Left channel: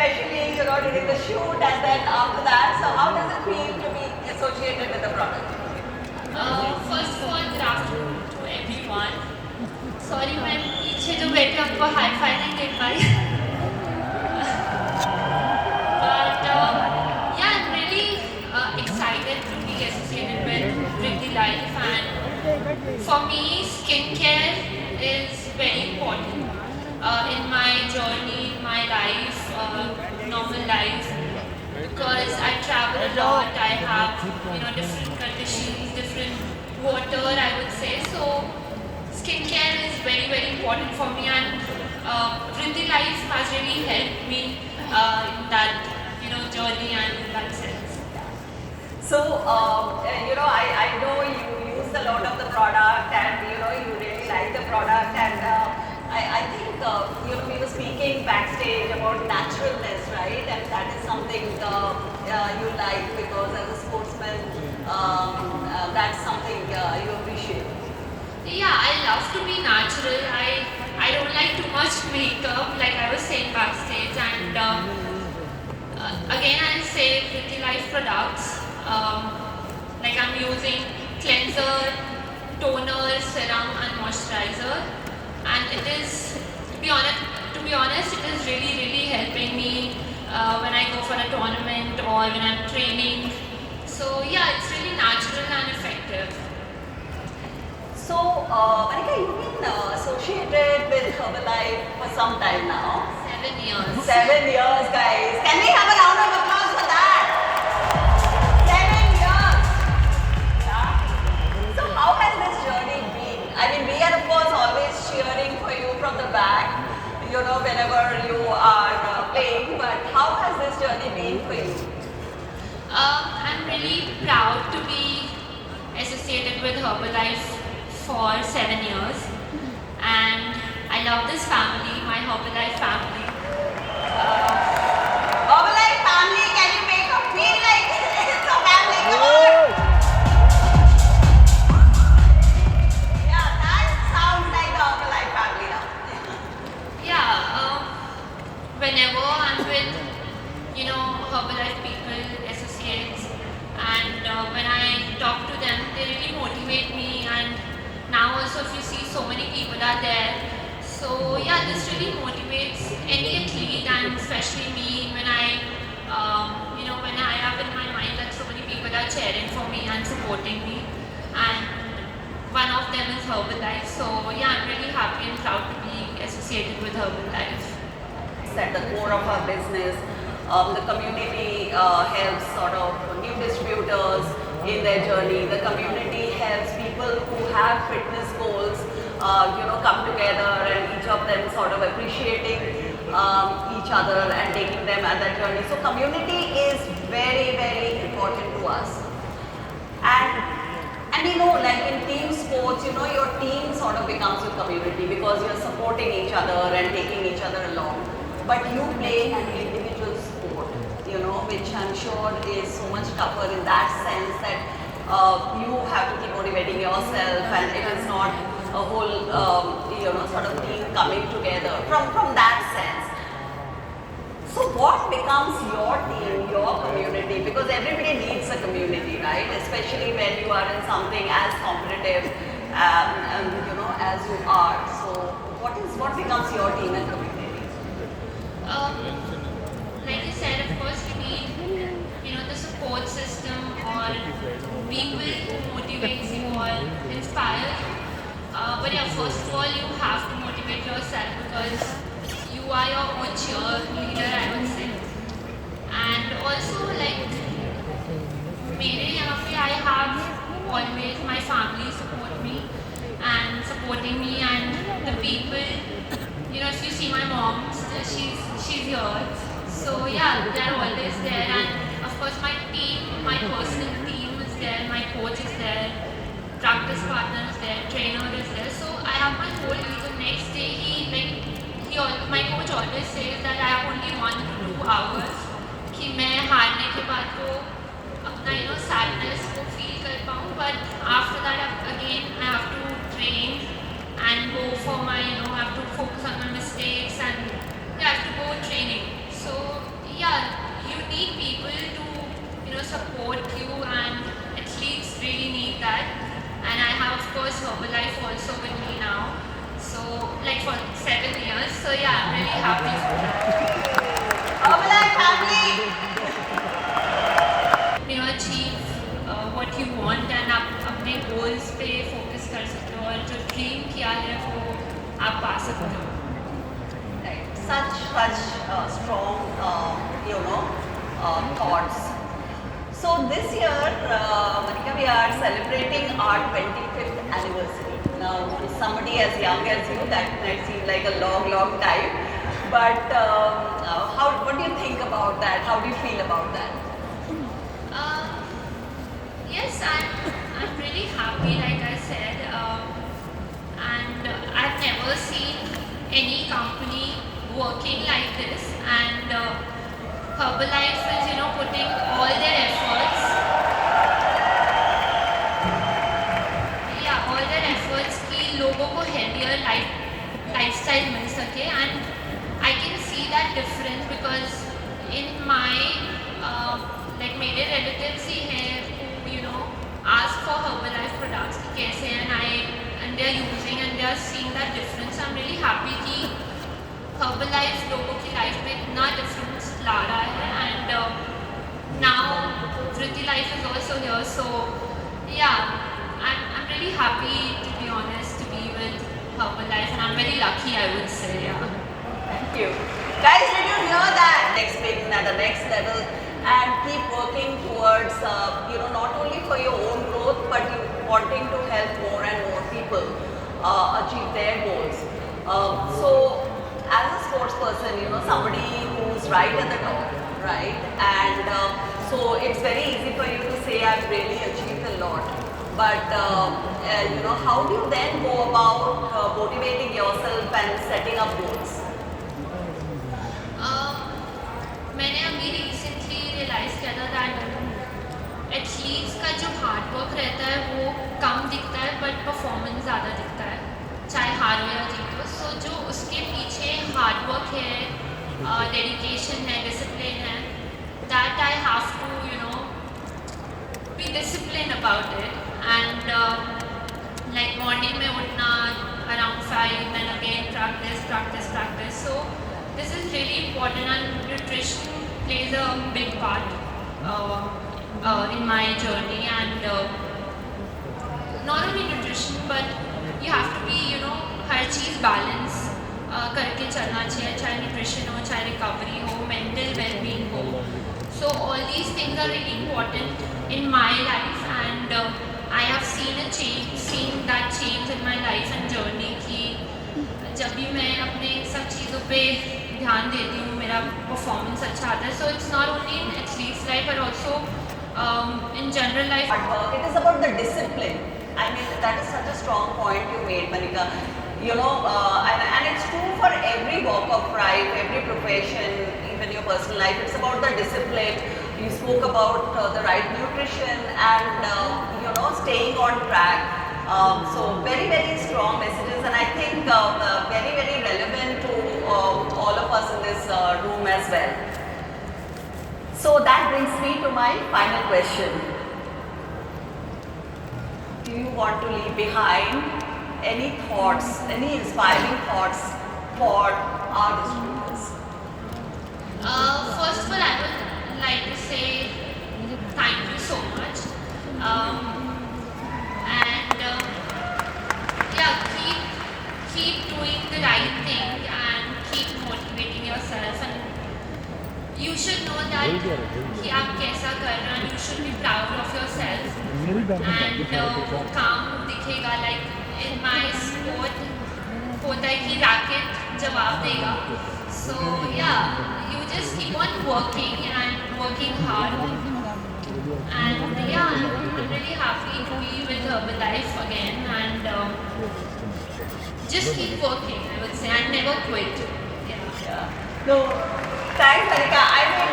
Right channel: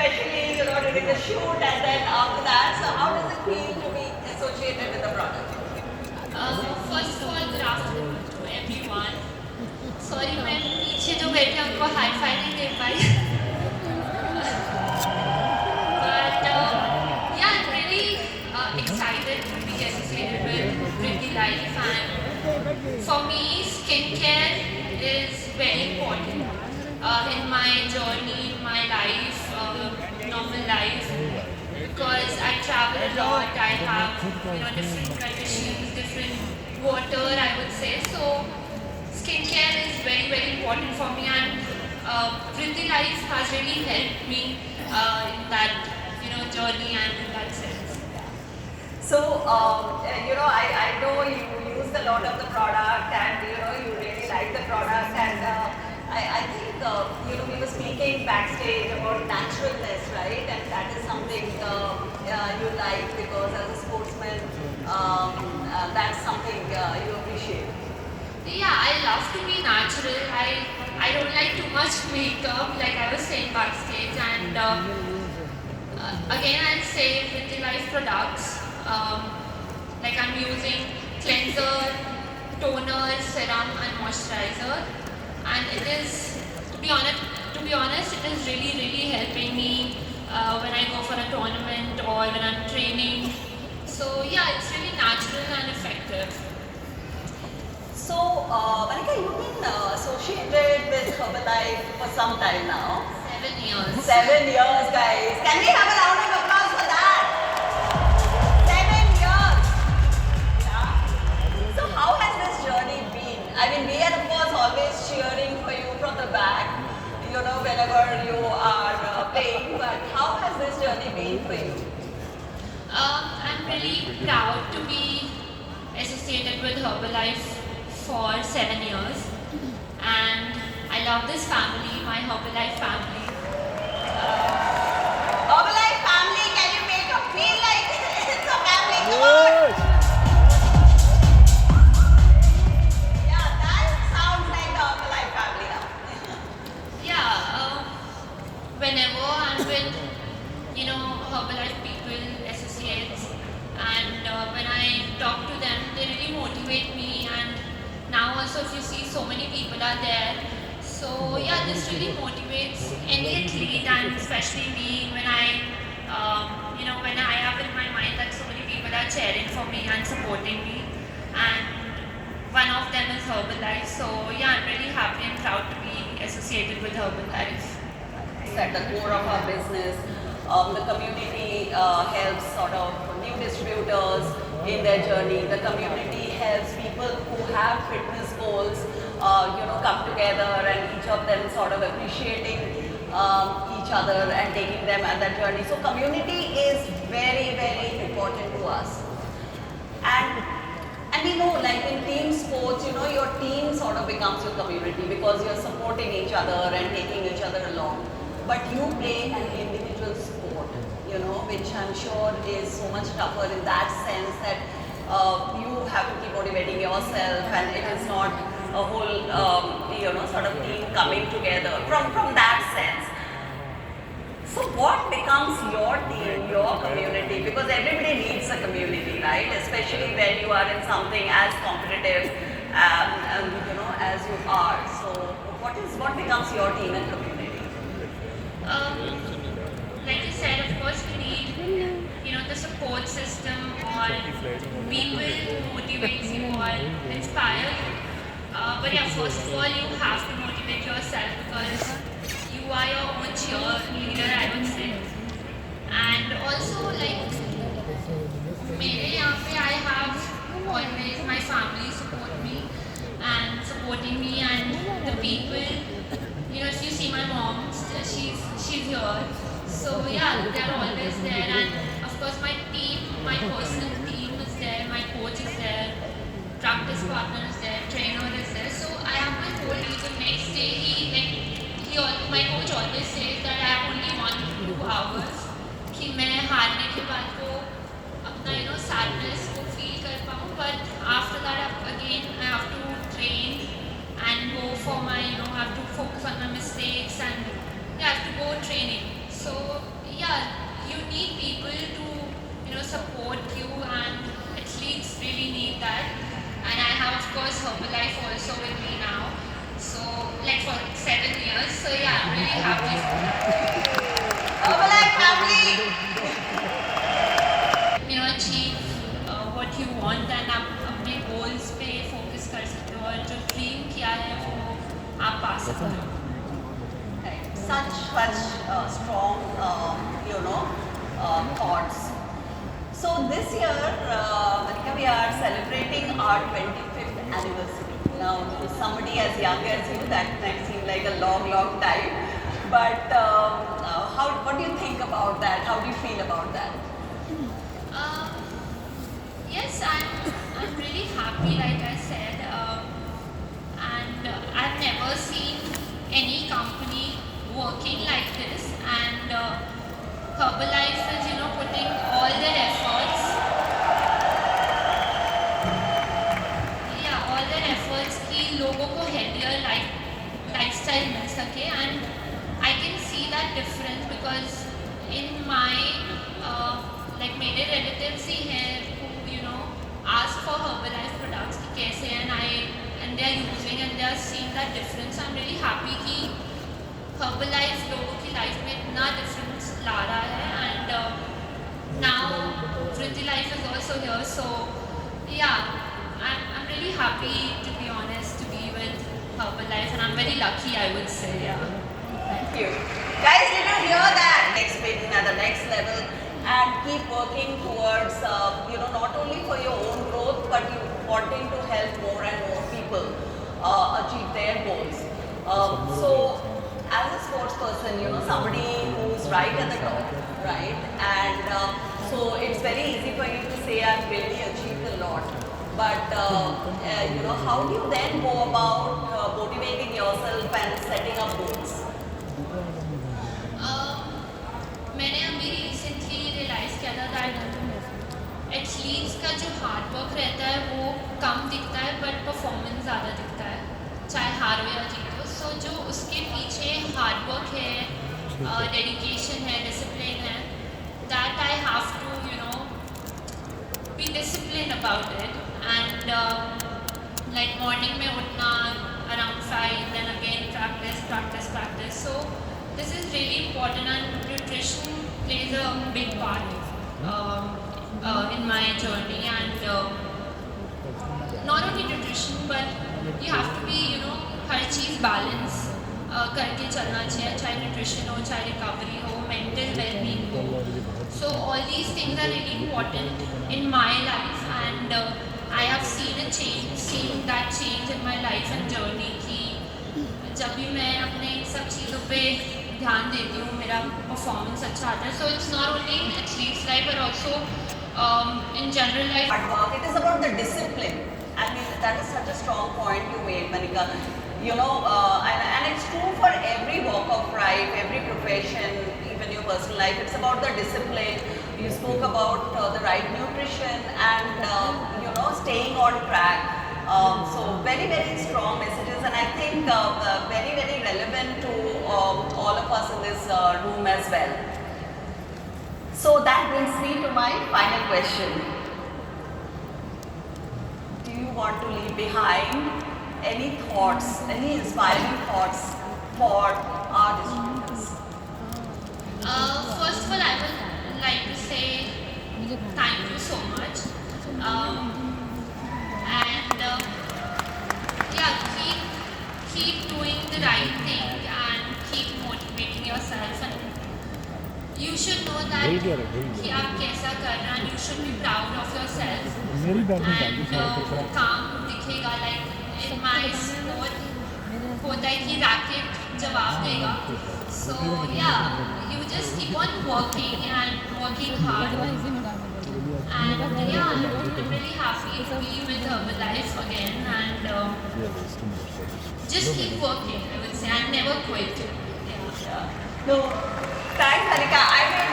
especially during the shoot and then after that. So how does it feel to be associated with the product? First of all, good afternoon to everyone. Sorry, मैं पीछे जो बैठे आपको hi fi नहीं दे पाई. But yeah, I'm really excited to be associated with Pretty Life, and for me, skincare is very important in my journey, in my life, normal life, because I travel a lot. I have different conditions, different water, I would say. So skincare is very very important for me, and Pretty Life has really helped me in that journey and in that sense. So, I know you used a lot of the product and, you really like the product and I think, we were speaking backstage about naturalness, right? And that is something you like because as a sportsman, that's something you appreciate. Yeah, I love to be natural. I don't like too much makeup, like I was saying backstage, and again I'll say Pretty Life products. Like I'm using cleanser, toner, serum, and moisturizer, and it is to be honest, it is really really helping me when I go for a tournament or when I'm training. So yeah, it's really natural and effective. So, Manika, you've been associated with Herbalife for some time now. 7 years. 7 years, guys. Can we have a round of applause for that? 7 years. Yeah. So, how has this journey been? I mean, we are of course always cheering for you from the back, whenever you are playing. But how has this journey been for you? I'm really proud to be associated with Herbalife for 7 years, and I love this family, my Herbalife family. Herbalife family, can you make her feel like it's a family? Come on! Yeah, that sounds like the Herbalife family now. Yeah, whenever I'm with, Herbalife people, associates, and when I talk to them, they really motivate me. And now also, if you see, so many people are there. So yeah, this really motivates any athlete, and especially me when when I have in my mind that so many people are cheering for me and supporting me, and one of them is Herbalife. So yeah, I'm really happy and proud to be associated with Herbalife. At the core of our business, the community helps sort of new distributors in their journey. The community helps people who have fitness goals, come together and each of them sort of appreciating each other and taking them at that journey. So community is very, very important to us. And we know, like in team sports, your team sort of becomes your community because you're supporting each other and taking each other along. But you play an individual sport, which I'm sure is so much tougher in that sense that you have to keep motivating yourself, and it is not a whole, sort of team coming together from that sense. So what becomes your team, your community? Because everybody needs a community, right? Especially when you are in something as competitive, as you are. So what becomes your team and community? Like you said, of course we need, the support system or people who motivate you or inspire you. But yeah, first of all, you have to motivate yourself because you are your own cheerleader, I would say. And also, like, मेरे यहाँ पे I have always my family support me and supporting me, and the people, if you see my mom, she's here. So yeah, they're always there, and of course my team, my personal team is there, my coach is there, practice partner is there, trainer is there. So I have my whole the next day my coach always says that I have only 1 to 2 hours कि मैं हारने के बाद को अपना sadness को feel कर पाऊँ, but after that again I have to train and go for my I have to focus on my mistakes and I have to go training. So need people to, support you, and athletes really need that. And I have, of course, Herbalife also with me now. So, like for 7 years. So yeah, I'm really happy for that. Herbalife family. Achieve what you want, and आप अपने goals पे focus कर सकते हो, और जो dream किया है वो आप पा सकते हो. Right. Such strong, thoughts. So this year, Manika, we are celebrating our 25th anniversary. Now, to somebody as young as you, that might seem like a long time. But what do you think about that? How do you feel about that? Yes, I'm really happy, like I said, and I've never seen any company working like this, and Herbalife is, putting all their efforts, all their efforts कि लोगों को healthier lifestyle मिल सके, and I can see that difference because in my like मेरे relatives ही हैं who ask for Herbalife products कि कैसे हैं, and they are using and they are seeing that difference. I'm really happy कि Herbalife लोगों की life में इतना difference ला रहा है, and now Vritti Life is also here. So yeah, I'm really happy, to be honest, to be with Herbalife, and I'm very lucky, I would say. Yeah. Thank you. Guys, did you hear that? Next win at the next level, and keep working towards, not only for your own growth, but you wanting to help more and more people achieve their goals. So, as a sports person, somebody who's right at the top, right? And so it's very easy for you to say, I've really achieved a lot. But, how do you then go about motivating yourself and setting up goals? मैंने अभी recently realise किया था that athletes का जो hard work रहता है वो कम दिखता है, बट परफॉर्मेंस ज़्यादा दिखता है, चाहे हारो या जीतो. सो जो उसके पीछे हार्ड वर्क है, डेडिकेशन है, डिसिप्लिन है, that I have to be discipline about it. And like morning में उठना around 5, then again practice. So this is really important, and nutrition plays a big part in my journey, and not only nutrition, but you have to be, her cheese balance करके चलना चाहिए, चाहे nutrition हो, चाहे recovery हो, mental well-being हो. So all these things are really important in my life, and I have seen that change in my life and journey कि जब भी मैं अपने सब चीज़ों पे ध्यान देती हूँ, मेरा परफॉर्मेंस अच्छा आता है. So it's not only in athletes life but also in general life. Hard work. It is about the discipline. I mean, that is such a strong point you made, Manika. And it's true for every walk of life, every profession, even your personal life. It's about the discipline. You spoke about the right nutrition and staying on track. So very strong messages, and I think very relevant to all of us in this room as well. So that brings me to my final question. Do you want to leave behind any thoughts, any inspiring thoughts for our distributors? First of all, I would like to say thank you so much. Keep doing the right thing and keep motivating yourself, and you should know that कि आप कैसा कर रहे हैं, and you should be proud of yourself, and वो काम दिखेगा. Like in my sport होता है कि रैकेट जवाब देगा. So yeah, you just keep on working hard, and yeah, I'm really happy to be with Herbalife again, and just keep working, I would say, and never quit. Yeah. No, thanks, Manika. I mean,